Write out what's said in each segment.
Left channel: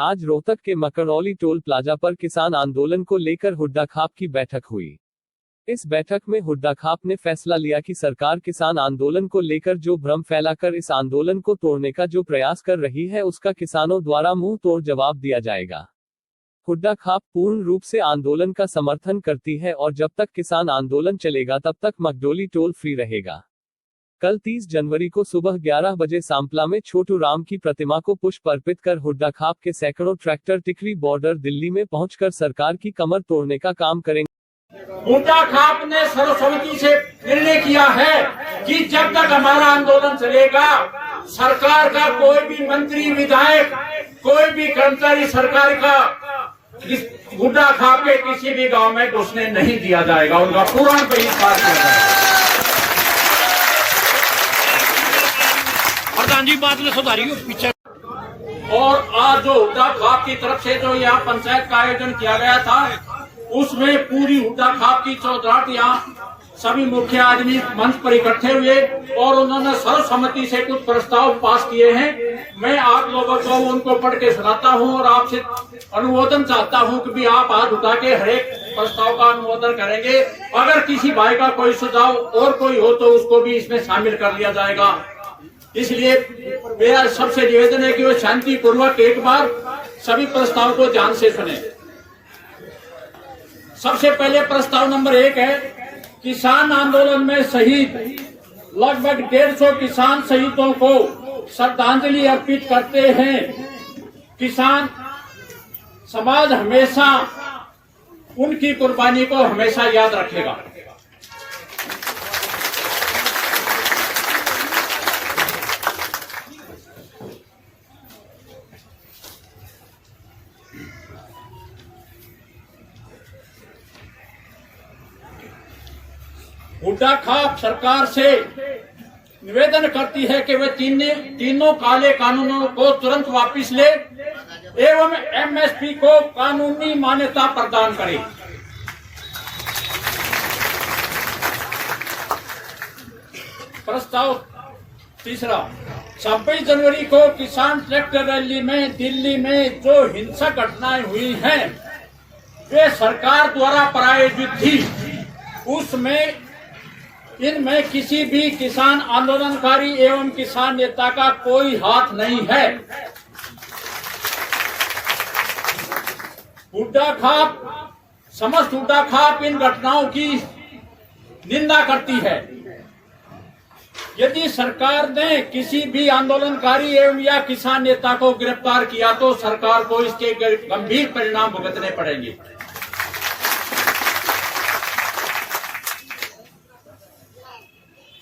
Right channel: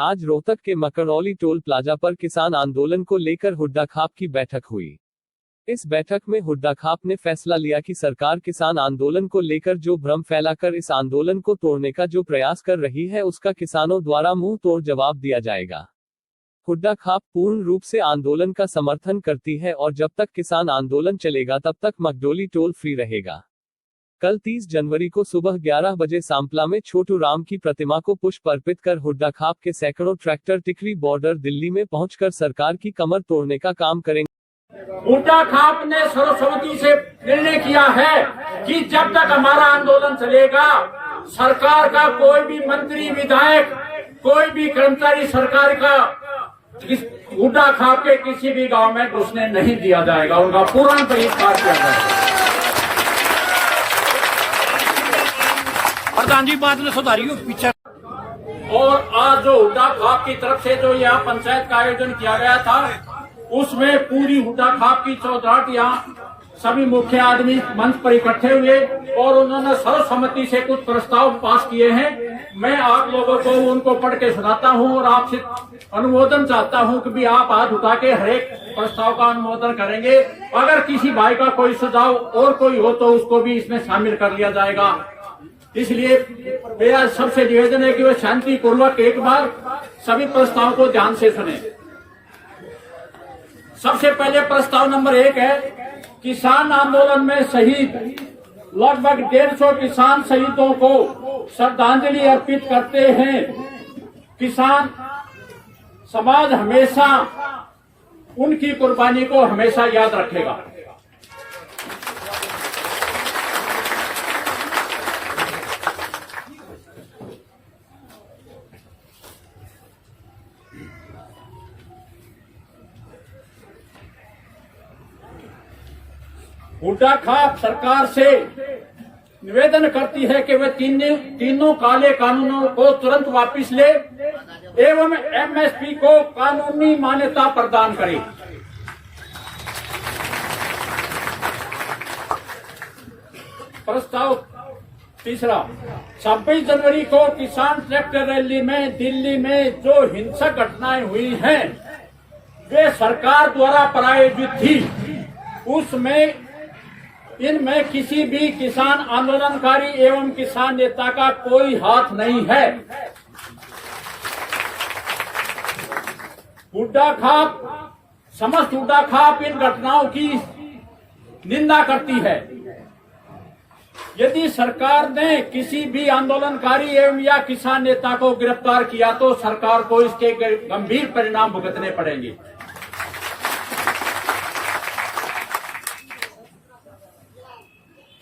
आज रोहतक के मकरौली toll plaza पर किसान आंदोलन को लेकर हुड्डा खाप की बैठक हुई। इस बैठक में हुड्डा खाप ने फैसला लिया कि सरकार किसान आंदोलन को लेकर जो भ्रम फैलाकर इस आंदोलन को तोड़ने का जो प्रयास कर रही है उसका किसानों द्वारा मुंह तोड़ जवाब दिया जाएगा। हुड्डा खाप पूर्ण रूप से आंदोलन का समर्थन करती है और जब तक किसान आंदोलन चलेगा तब तक मकडोली टोल फ्री रहेगा। कल 30 जनवरी को सुबह 11 बजे सांपला में छोटू राम की प्रतिमा को पुष्प अर्पित कर हुड्डा खाप के सैकड़ों ट्रैक्टर टिकरी बॉर्डर दिल्ली में पहुंचकर सरकार की कमर तोड़ने का काम करेंगे। हुड्डा खाप ने सर्वसम्मति से निर्णय किया है कि जब तक हमारा आंदोलन चलेगा सरकार का कोई भी मंत्री विधायक कोई भी कर्मचारी सरकार का हुड्डा खाप के किसी भी गांव में घुसने नहीं दिया जाएगा, उनका पूर्ण बहिष्कार किया जाएगा। जी बात ने सुधारी पीछे। और आज जो हुड्डा खाप की तरफ से जो यहाँ पंचायत का आयोजन किया गया था उसमें पूरी हुड्डा खाप की चौधराहट यहाँ सभी मुख्य आदमी मंच पर इकट्ठे हुए और उन्होंने सर्वसम्मति से कुछ प्रस्ताव पास किए हैं। मैं आप लोगों को उनको पढ़ के सुनाता हूँ और आपसे अनुमोदन चाहता हूँ कि भी आप हाथ उठा के हर एक प्रस्ताव का अनुमोदन करेंगे। अगर किसी भाई का कोई सुझाव और कोई हो तो उसको भी इसमें शामिल कर लिया जाएगा। इसलिए मेरा सबसे निवेदन है कि वो शांतिपूर्वक एक बार सभी प्रस्ताव को ध्यान से सुने। सबसे पहले प्रस्ताव नंबर 1 है, किसान आंदोलन में शहीद लगभग 150 किसान शहीदों को श्रद्धांजलि अर्पित करते हैं। किसान समाज हमेशा उनकी कुर्बानी को हमेशा याद रखेगा। हुड्डा खाप सरकार से निवेदन करती है कि वे तीनों काले कानूनों को तुरंत वापस ले एवं एमएसपी को कानूनी मान्यता प्रदान करे। प्रस्ताव तीसरा, 26 जनवरी को किसान ट्रैक्टर रैली में दिल्ली में जो हिंसक घटनाएं हुई हैं वे सरकार द्वारा प्रायोजित थी। उसमें इनमें किसी भी किसान आंदोलनकारी एवं किसान नेता का कोई हाथ नहीं है। हुड्डा खाप समस्त हुड्डा खाप इन घटनाओं की निंदा करती है। यदि सरकार ने किसी भी आंदोलनकारी एवं या किसान नेता को गिरफ्तार किया तो सरकार को इसके गंभीर परिणाम भुगतने पड़ेंगे।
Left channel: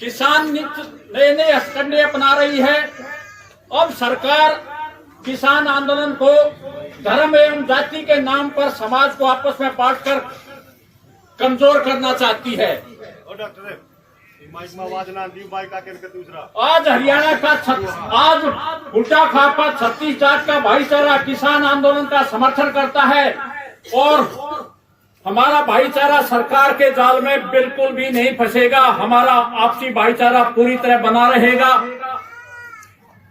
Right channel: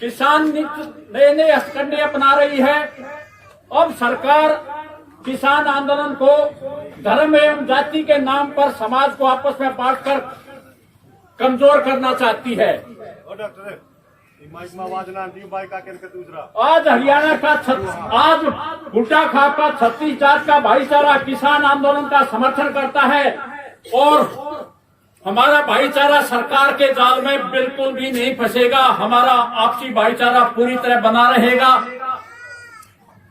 किसान नए नए हथकंडे अपना रही है। अब सरकार किसान आंदोलन को धर्म एवं जाति के नाम पर समाज को आपस में बांटकर कमजोर करना चाहती है। आज हरियाणा का आज हुड्डा खाप का 36 जात का भाईचारा किसान आंदोलन का समर्थन करता है और हमारा भाईचारा सरकार के जाल में बिल्कुल भी नहीं फंसेगा। हमारा आपसी भाईचारा पूरी तरह बना रहेगा।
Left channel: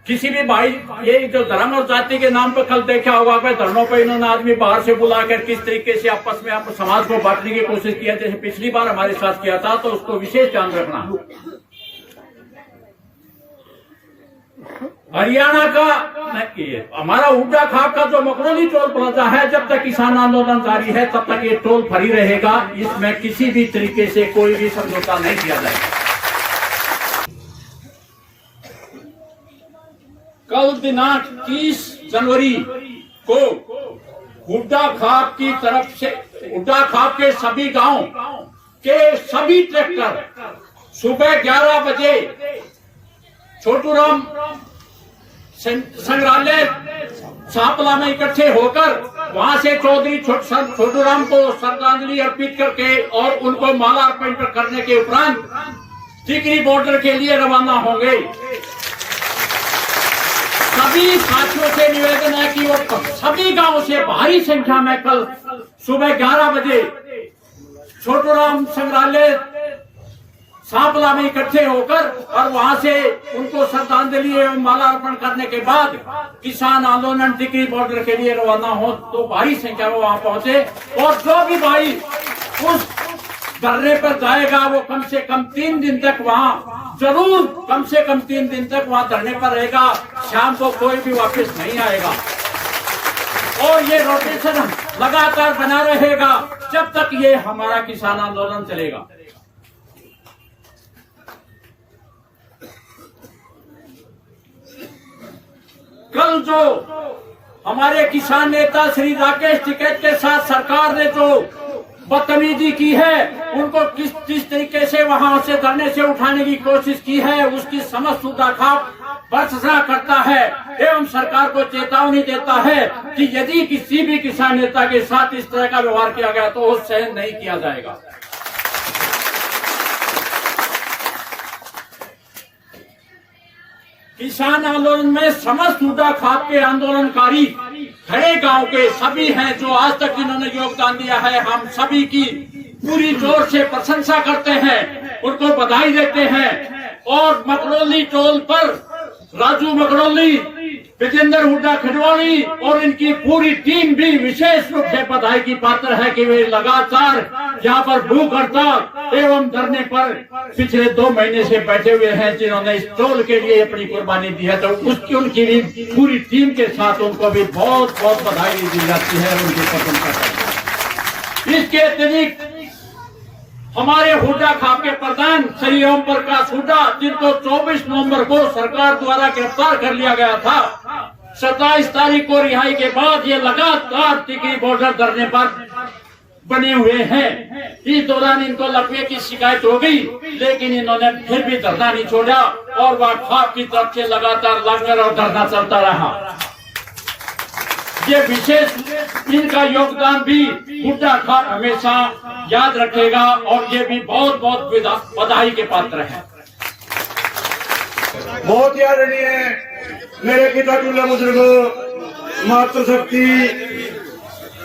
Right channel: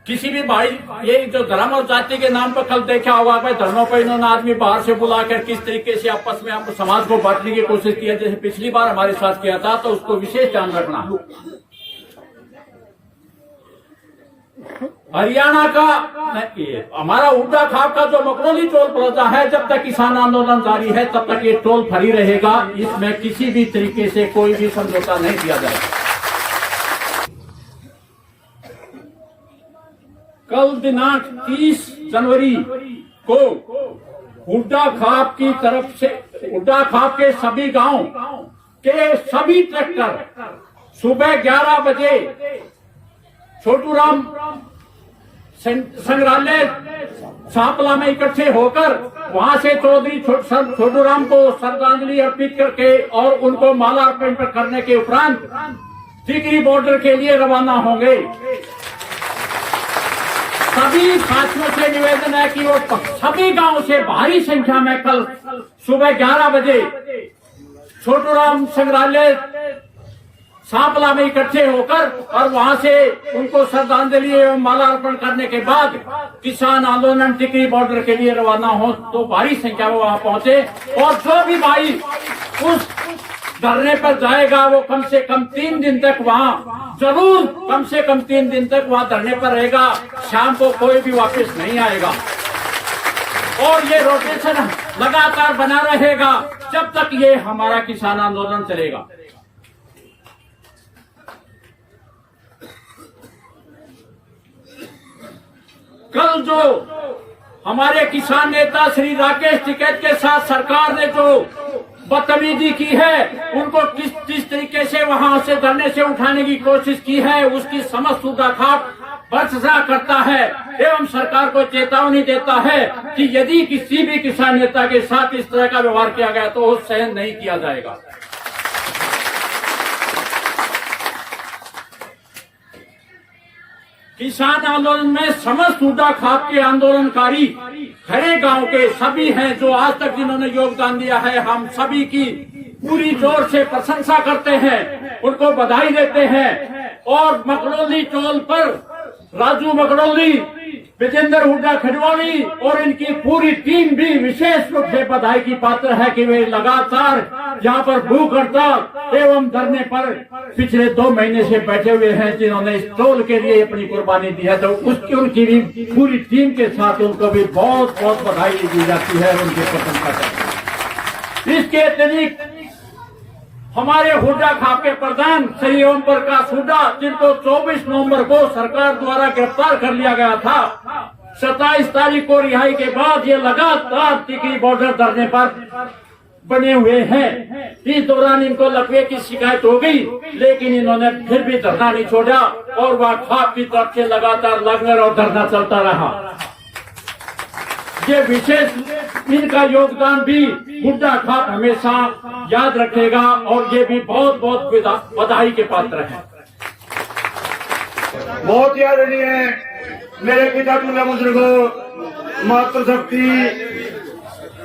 किसी भी भाई ये जो धर्म और जाति के नाम पर कल देखा होगा भाई धर्मों पर इन्होंने आदमी बाहर से बुलाकर किस तरीके से आपस में आप समाज को बांटने की कोशिश किया, जैसे पिछली बार हमारे साथ किया था, तो उसको विशेष ध्यान रखना। हरियाणा का हमारा हुड्डा खाप का जो मकरौली टोल प्लाजा है, जब तक किसान आंदोलन जारी है तब तक ये टोल फ्री रहेगा। इसमें किसी भी तरीके से कोई भी समझौता नहीं किया जाएगा। कल दिनांक 30 जनवरी को हुड्डा खाप की तरफ से हुड्डा खाप के सभी गांव के सभी ट्रैक्टर सुबह 11 बजे छोटू राम संग्रहालय सांपला में इकट्ठे होकर वहां से चौधरी छोटू राम को श्रद्धांजलि अर्पित करके और उनको माला अर्पण करने के उपरांत टिकरी बॉर्डर के लिए रवाना होंगे। सभी साथियों से निवेदन है कि वो सभी गांव से भारी संख्या में कल सुबह 11 बजे छोटू राम संग्रहालय सांपला में इकट्ठे होकर और वहां से उनको श्रद्धांजलि एवं मालार्पण करने के बाद किसान आंदोलन टिकरी बॉर्डर के लिए रवाना हो तो भारी संख्या में वहां पहुंचे। और जो भी भाई उस धरने पर जाएगा वो कम से कम 3 दिन तक वहां जरूर कम से कम 3 दिन तक वहां धरने पर रहेगा। शाम को कोई भी वापस नहीं आएगा और ये रोटेशन लगातार बना रहेगा जब तक ये हमारा किसान आंदोलन चलेगा। कल जो हमारे किसान नेता श्री राकेश टिकैत के साथ सरकार ने जो बदतमीजी की है, उनको किस तरीके से वहां से धरने से उठाने की कोशिश की है, उसकी समस्त सूदाखाप बर्दाश्त करता है एवं सरकार को चेतावनी देता है कि यदि किसी भी किसान नेता के साथ इस तरह का व्यवहार किया गया तो वो सहन नहीं किया जाएगा। किसान आंदोलन में समस्त सूदाखाप के आंदोलनकारी खड़े गांव के सभी हैं जो आज तक जिन्होंने योगदान दिया है। हम सभी की पूरी जोर से प्रशंसा करते हैं, उनको बधाई देते हैं। और मकड़ोली टोल पर राजू मकड़ोली, विजेंद्र हुड्डा खडवाली और इनकी पूरी टीम भी विशेष रूप से बधाई की पात्र है कि वे लगातार यहाँ पर भूख हड़ताल एवं धरने पर पिछले 2 महीने से बैठे हुए हैं, जिन्होंने इस टोल के लिए अपनी कुर्बानी दी है। तो उसकी उनकी भी पूरी टीम के साथ उनको भी बहुत बहुत बधाई दी जाती है, उनकी प्रशंसा करते हैं। इसके अतिरिक्त हमारे हुड्डा खाप के प्रधान श्री ओम प्रकाश हुड्डा, जिनको 24 नवंबर को सरकार द्वारा गिरफ्तार कर लिया गया था, 27 तारीख को रिहाई के बाद ये लगातार टिकरी बॉर्डर धरने पर बने हुए हैं। इस दौरान इनको लकवे की शिकायत हो गई, लेकिन इन्होंने फिर भी धरना नहीं छोड़ा और वह खाप की तरफ से लगातार लंगर और धरना चलता रहा। ये विशेष इनका योगदान भी हुड्डा खाप हमेशा याद रखेगा और ये भी बहुत बहुत बधाई के पात्र हैं। बहुत ही आदरणीय है मेरे पिता दूल्हा बुजुर्गो, मातृशक्ति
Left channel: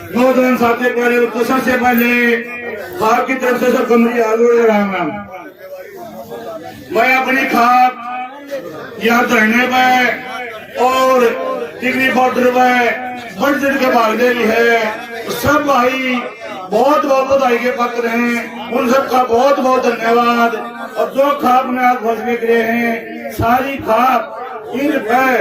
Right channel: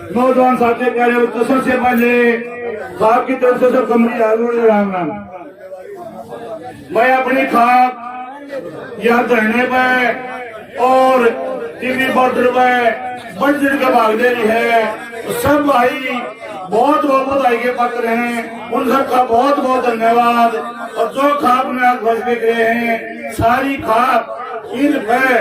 नौजवान साथी प्यारे, तो सबसे पहले खाप की तरफ से सब कमरी राम राम। मैं अपनी खाप यहाँ धरने पर और टिकरी बॉर्डर पर बढ़ के भाग दे रही है। सब भाई बहुत बहुत बधाई के पात्र हैं, उन सबका बहुत बहुत धन्यवाद। और जो खाप में आज फैसले करे हैं, सारी खाप इन पे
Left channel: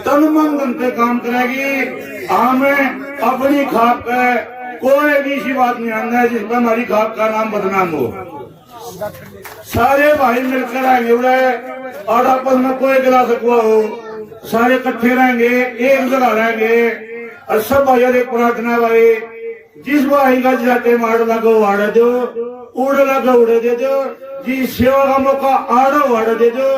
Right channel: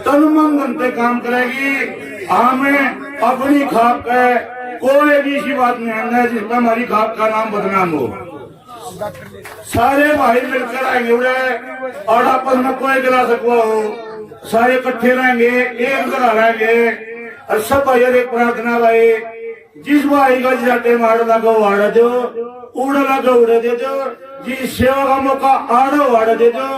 तन मन धन पे काम करेगी। हमें अपनी खाप का कोई भी ऐसी बात नहीं आना है जिसमें हमारी खाप का नाम बदनाम हो। सारे भाई मिलकर आएंगे और आपस में कोई गिला सकवा हो, सारे इकट्ठे रहेंगे, एक जगह रहेंगे। और सब भाई एक प्रार्थना भाई, जिस भाई का जाते मार लगा वाड़ा दो, उड़ लगा उड़े दे दो, जिस सेवा का मौका आड़ो वाड़ा दे दो।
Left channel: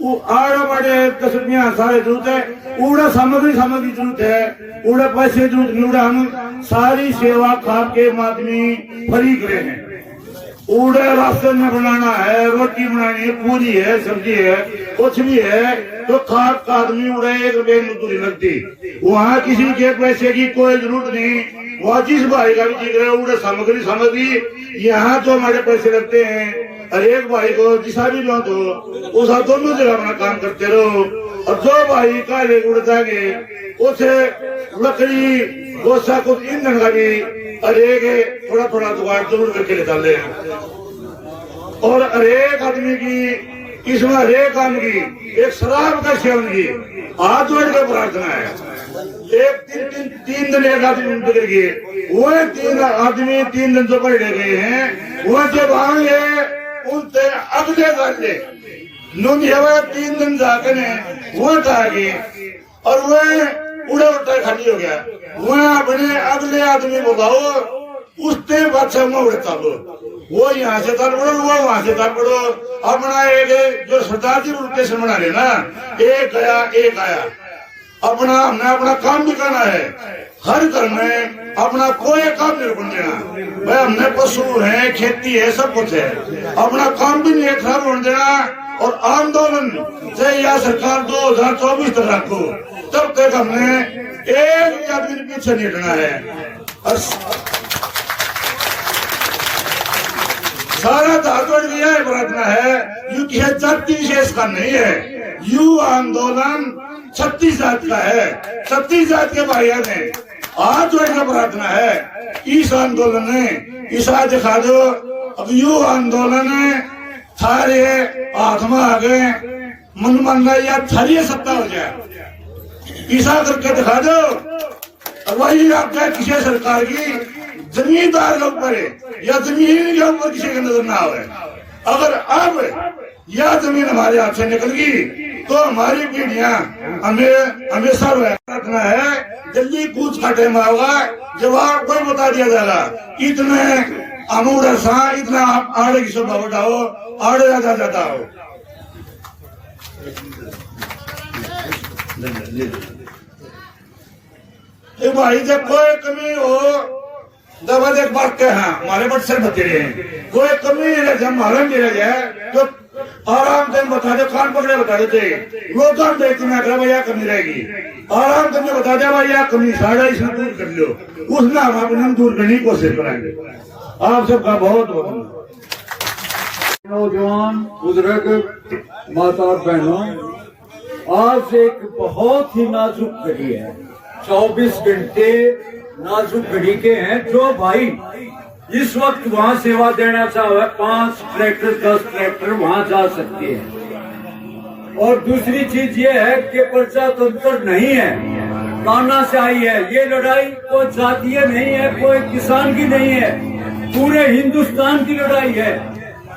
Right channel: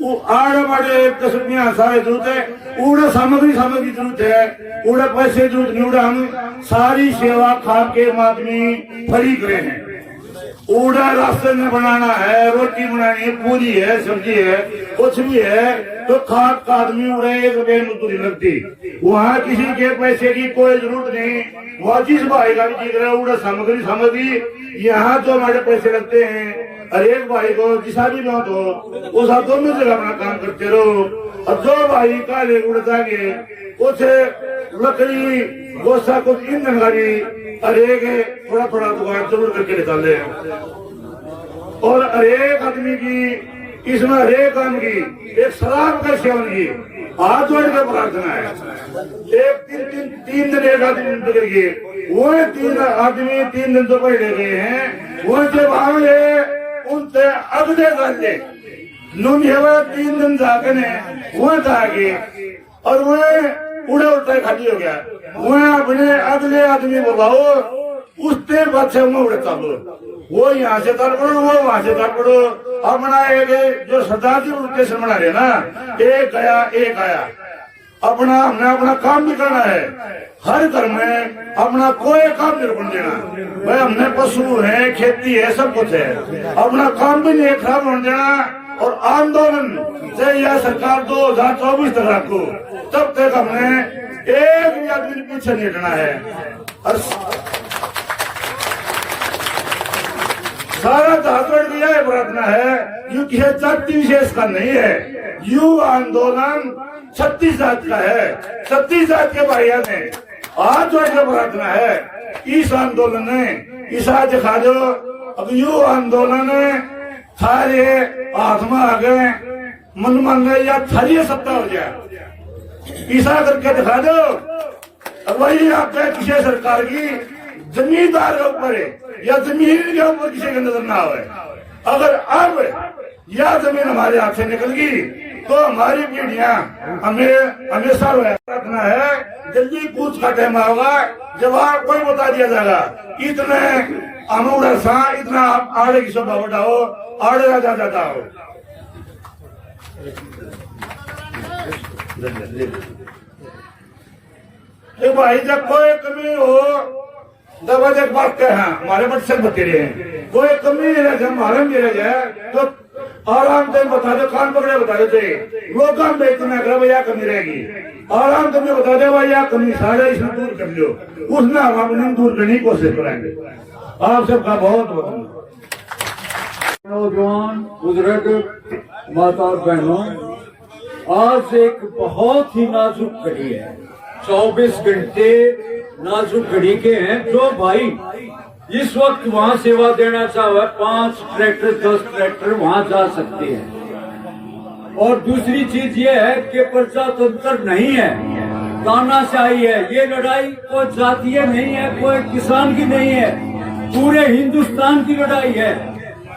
वो आड़ा वाड़े 10 रुपया सारे जरूरत है, उड़ा सामग्री जरूरत है, उड़ा पैसे जरूरत नहीं। उड़ा हम सारी सेवा खाप के माध्यम फ्री करे हैं। उड़ा रास्ते में बनाना है, रोटी बनानी है, पूरी है, सब्जी है, कुछ भी है तो खाप का आदमी उड़ा 1 रुपये मजदूरी लगती। वहाँ किसी के पैसे की कोई जरूरत नहीं। वहाँ जिस भाई का भी जिक्र है उड़ा सामग्री यहाँ जो हमारे पैसे लगते हैं, और एक भाई को जिसा भी लो तो उस दोनों जगह अपना काम करते रहो। और जो भाई का ले उड़ता गे उसे लकड़ी गोसा को ईंधन का भी अरेक थोड़ा थोड़ा जुगाड़ जरूर करके निकाले। और अरेक आदमी की इसमें हरेक काम की एक शराब का सेवन की हाथ जोड़ के प्रार्थना है। एक 3 दिन एक आदमी पकड़ गए, वो 3 आदमी 3 दिन तो पकड़े गए हैं। वो जब आए उनसे अगले गले नून 3 दिन जाके ने वो आगे और वह उड़े उड़ता खाली हो गया। वह अपने अगले आदमी बुलाओ, उसने बच्चे में उड़ता लो, वो यहाँ से ताल पड़ो, वो वहां से ताल पड़ो। अपना एक जो सरदार जी स्टेशन बना रहे ना, एक गया एक आया। अपना हमने अपना काम भी करना है, हर घर में अपना कोई काम नहीं रुकने देना। भाई हमने पशु है, खेती है, सब कुछ है, अपना काम भी नहीं खराब होने देना। और आंदोलन चाहे यह सरकार 2024 तक रखो, तब तक हमने एक भी आदमी पीछे नहीं हटना है। सारा धातुड़ की यह प्रार्थना है, यू किसी जाति विशेष का नहीं है, यू आंदोलन 36 जात का है। 36 जात के भाइयों ने हाथ जोड़ के प्रार्थना है, इस आंदोलन ने ईसा दिखा दो। अब यू आंदोलन थारे हाथ में आ गए, मन मन या थारी सत्ता हो जाए, ईसा करके दिखा दो। वही आपका किसी सरकार की जमींदार के ऊपर है या जमीन के ऊपर किसी की नजर ना आवे। अगर अब यह जमीन हमारे हाथ से निकल गई तो हमारी पीढ़ियां हमें हमेशा रखना है। जल्दी कूच का टाइम आएगा, जवाब कोई बता दिया जाएगा। इतने अमूर सा इतना आड़े की शोभा बढ़ाओ, आड़े राजा जाता हो। भाई जब कोई कमी हो दबा देख बात के हैं हमारे बच्चे बचे रहे, कोई कमी है जब हमारे मेरे जाए तो आराम से बता दे, कान पकड़े बता देते लोग इतना कर भैया कमी रहेगी, आराम से बता दे भैया कमी साढ़े इसमें दूर कर लो, उसने हम अपने दूर करने की कोशिश करेंगे। आप सबका बहुत बहुत नौजवान बुजुर्ग माता और बहनों, आज एक बहुत ही नाजुक घड़ी है, 24 घंटे नाजुक घड़ी के हैं। जो भाई इस वक्त वहाँ सेवा देना चाहे 5 ट्रैक्टर 10 ट्रैक्टर वहाँ जा सकते हैं। और दूसरी चीज ये है कि प्रजातंत्र नहीं है, तानाशाही है। ये लड़ाई कोई जातीय नहीं है, कोई किसान की नहीं है, पूरे हिंदुस्तान की लड़ाई है।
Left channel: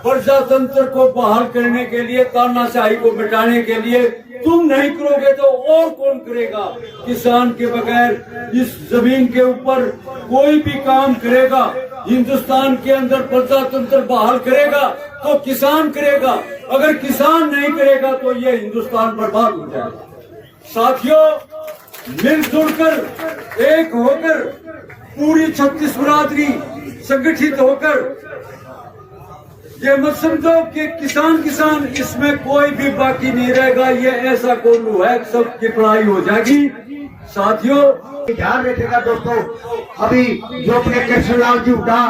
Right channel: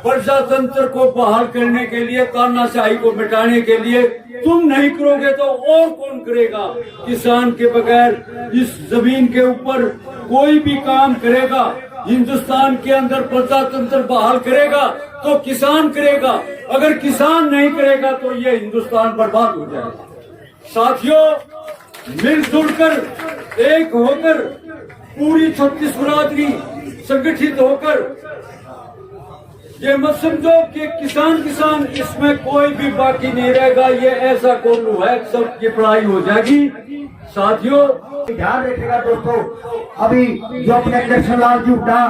प्रजातंत्र को बहाल करने के लिए, तानाशाही को मिटाने के लिए तुम नहीं करोगे तो और कौन करेगा। किसान के बगैर इस जमीन के ऊपर कोई भी काम करेगा, हिंदुस्तान के अंदर प्रजातंत्र बहाल करेगा तो किसान करेगा, अगर किसान नहीं करेगा तो ये हिंदुस्तान बर्बाद हो जाएगा। साथियों, मिलजुल कर एक होकर पूरी 36 बिरादरी संगठित होकर, ये मत समझो कि किसान इसमें कोई भी बाकी नहीं रहेगा, ये ऐसा कोल्लू है सबकी पढ़ाई हो जाएगी। साथियों, ध्यान रखिएगा दोस्तों, अभी जो अपने कृष्णलाल जी हुड्डा,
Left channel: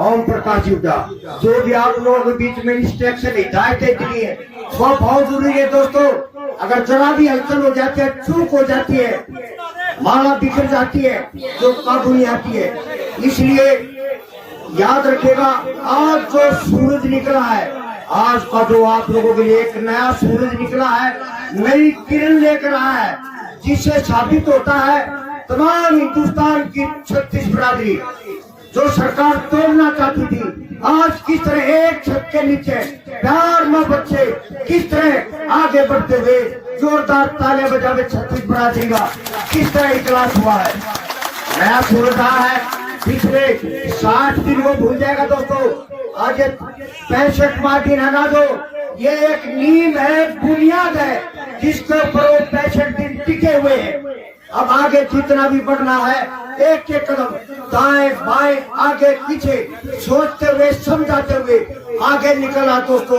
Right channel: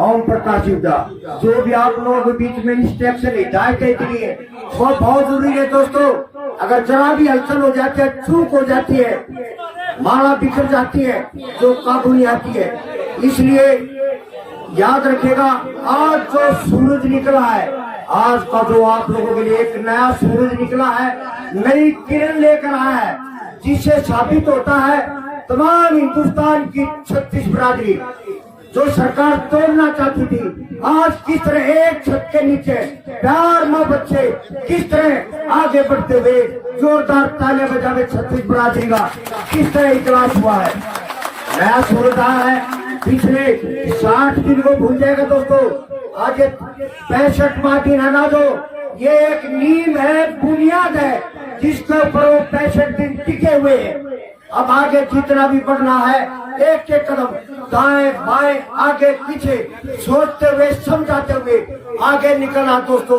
ओम प्रकाश जी हुड्डा, जो भी आप लोगों के बीच में इंस्ट्रक्शन हिदायत इतनी है वो बहुत जरूरी है दोस्तों। अगर जरा भी हलचल हो जाती है, चूक हो जाती है, माला बिखर जाती है, जो काबू नहीं आती है। इसलिए याद रखिएगा, आज जो सूरज निकला है, आज का जो आप लोगों के लिए एक नया सूरज निकला है, नई किरण लेकर आया है, जिससे साबित होता है तमाम हिंदुस्तान की 36 बिरादरी जो सरकार तोड़ना चाहती थी, आज किस तरह एक छत के नीचे प्यार मोहब्बत से किस तरह आगे बढ़ते हुए जोरदार तालियां बजावे 36 बिरादरी का किस तरह इजलास हुआ है। नया सूरज आया है, पिछले 60 दिन को भूल जाएगा दोस्तों। आज 65वां दिन है ना, जो ये एक नींव है, बुनियाद है, जिसके ऊपर वो 65 दिन टिके हुए हैं। अब आगे जितना भी बढ़ना है, एक एक कदम दाएं बाएं आगे पीछे सोचते हुए समझाते हुए आगे निकलना दोस्तों।